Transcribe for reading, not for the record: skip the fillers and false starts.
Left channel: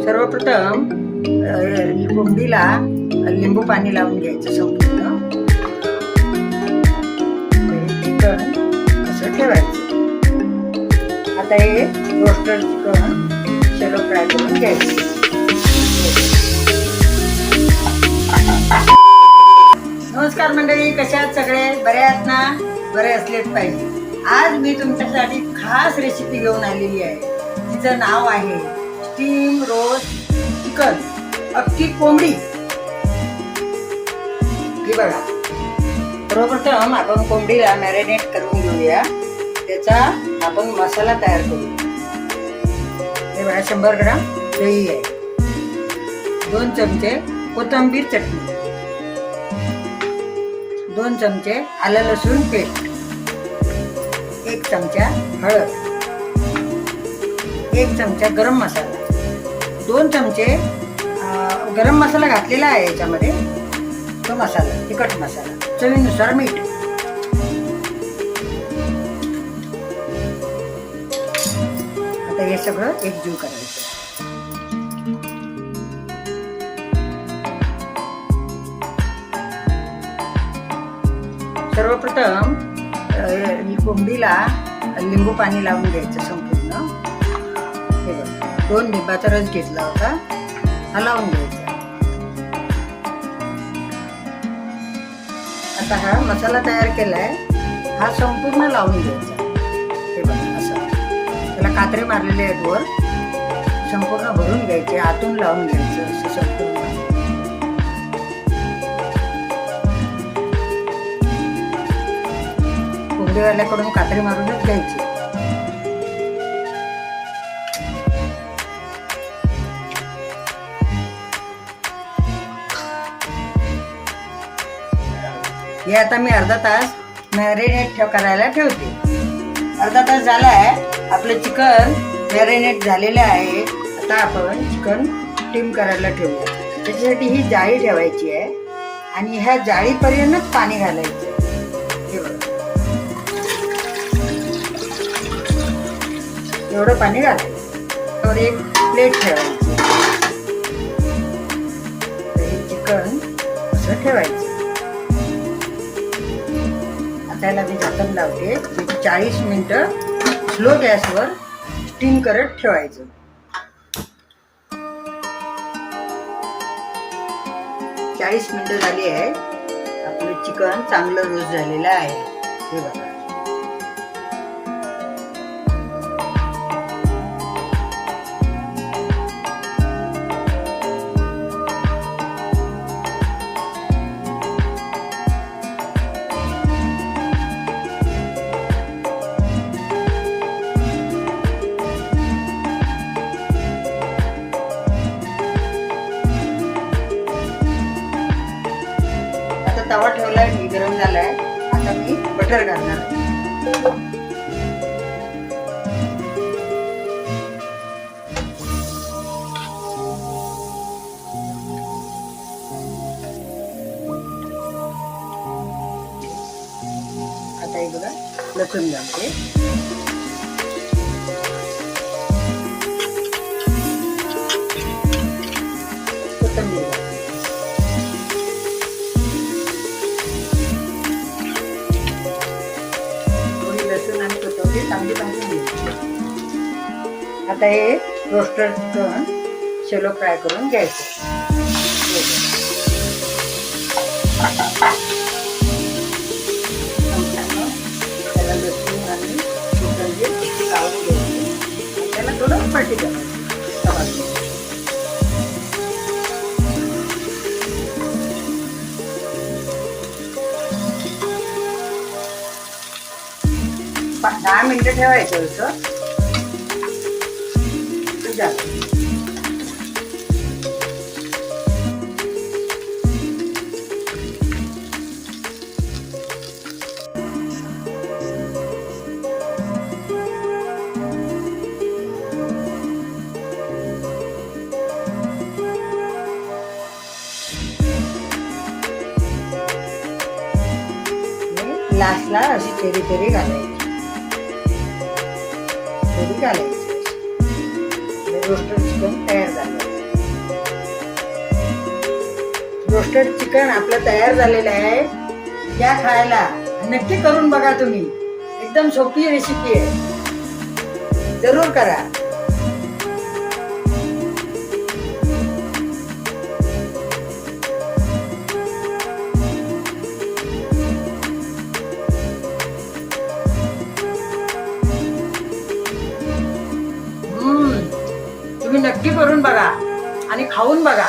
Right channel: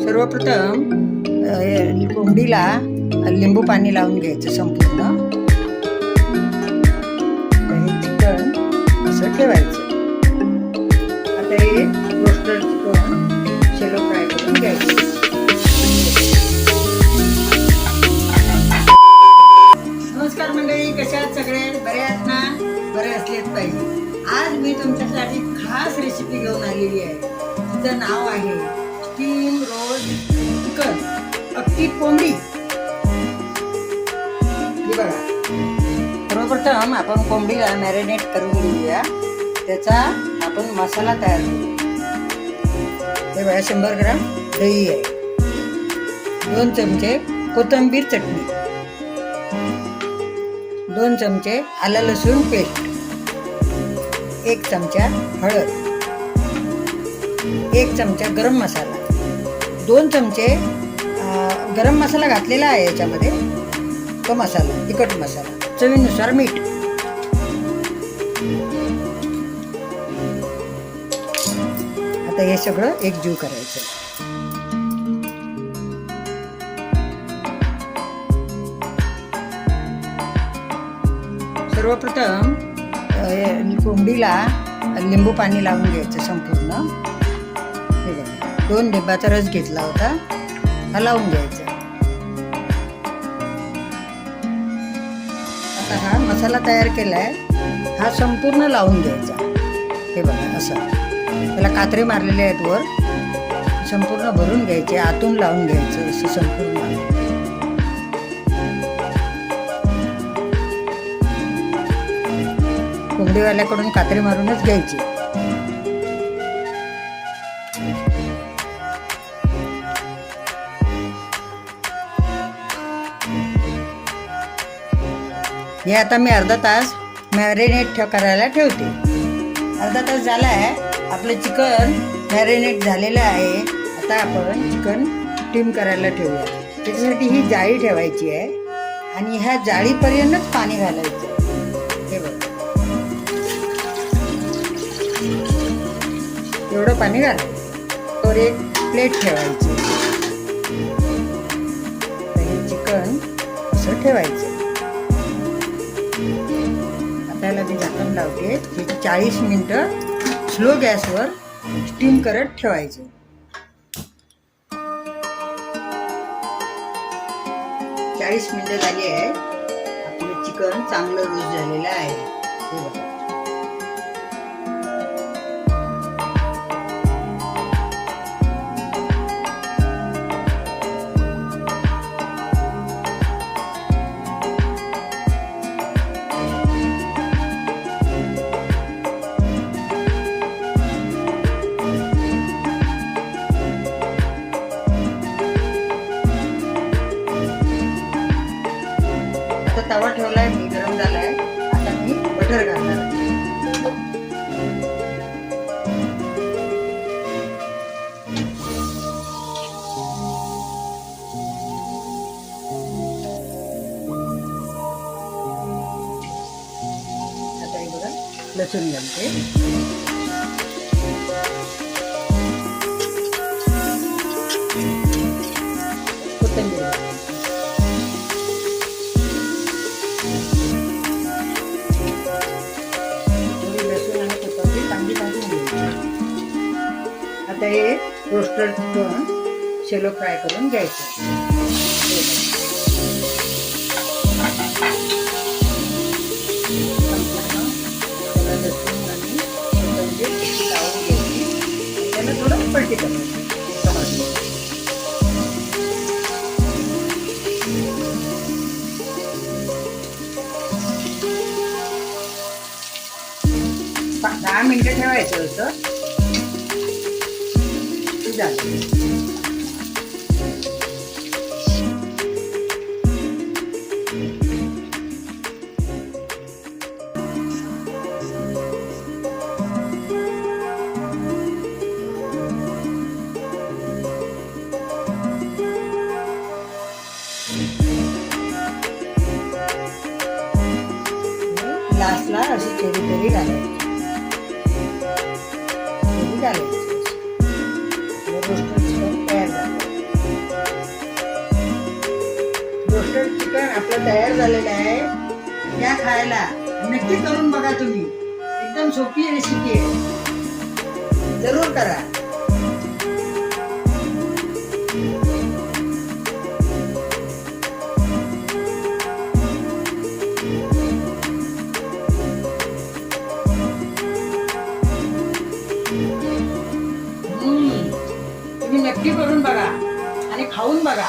सर्वप्रथम कोंबडीला लिंबू पाणी लावून घ्यायचं संपूर्ण. हे चिकन असं ठेवायचं. आता हे रोस्टेड चिकन शॅलो फ्राय करून घ्यायचं. नमस्कार मंडळी, कशा आहात सगळे? बरे आहात ना? बरे असलेच पाहिजे. आज मी तुमच्यासाठी खास रेसिपी घेऊन आलेली आहे. तिचं नाव आहे स्टीम रोस्ट चिकन, अख्खी कोंबडी. ही बघा, सर्वप्रथम आपण कोंबडीला मॅरिनेट करून घेऊया. त्याचा आपण मसाला तयार करू. हे बघा, 100 ग्राम दही आहे, 2 चमचे कोथिंबीर चटणी, 2 चमचे आलं लसूण पेस्ट, 1 चमचा हळद, 1 चमचा गरम मसाला, 2 चमचे गरम मसाला घातलेला आहे याच्यामध्ये. तो मसाला तिखट मसाला, चवीनुसार मीठ. आता हे सगळं एकजीव करायचं. सर्वप्रथम कोंबडीला लिंबू पाणी लावून घ्यायचं संपूर्ण. 2 लिंबाचा रस घेतला होता, हा लावून घ्यायचा. आता हा मसाला तयार केलाय, हा संपूर्ण लावून घ्यायचा. हे बघा, असं त्याला कात्रे मारलेले आहेत वर, संपूर्ण भरून घ्यायचे, आतून लावून घ्यायचं असं संपूर्ण. कोंबडीवाल्याकडून कात्री मारूनच घ्यायची. हे आता मी अर्धा तास मॅरिनेट करायला ठेवते. अर्धा तास झाला आहे, आपलं चिकन मॅरिनेट झालेलं आहे. आता आपण चिकन स्टीम करायला ठेवूया. त्याच्यासाठी ही जाळी ठेवायची आहे आणि ह्या जाळीपर्यंतच पाणी घालायचं. हे बघा, एवढं पाणी घालायचं. तर एक प्लेट ठेवायची. चिकन असं ठेवायचं. आता याला मी झाकण लावते. 40 मिनिटं स्लो गॅसवर स्टीम करत ठेवायचं. चाळीस मिनिटं झाली आहे. आपलं चिकन चांगलं रोस्ट झालेलं आहे. हे बघा, तवा ठेवलाय मी, गरम झालाय. आता मी बटर घालणार आहे. आता हे बघा, लसूण घालते. आता हे रोस्टेड चिकन शॅलो फ्राय करून घ्यायचं. त्याला लसूण आणि कोथिंबीर लावून घ्यायची. त्याला थोडं पलटी करायचं. 10 मिनिटं ठेवायचं होतं. लास्टला अशी चेरी पेरी घालायची, चेरी घालायची. रोस्टेड चिकन तयार झालं. आपलं तयार झालेलं आहे, या खायला नक्की करून बघा तुम्ही. एकदम सोपी रेसिपी आहे, जरूर करा. तुम्ही नक्की करून बघा आणि खाऊन बघा.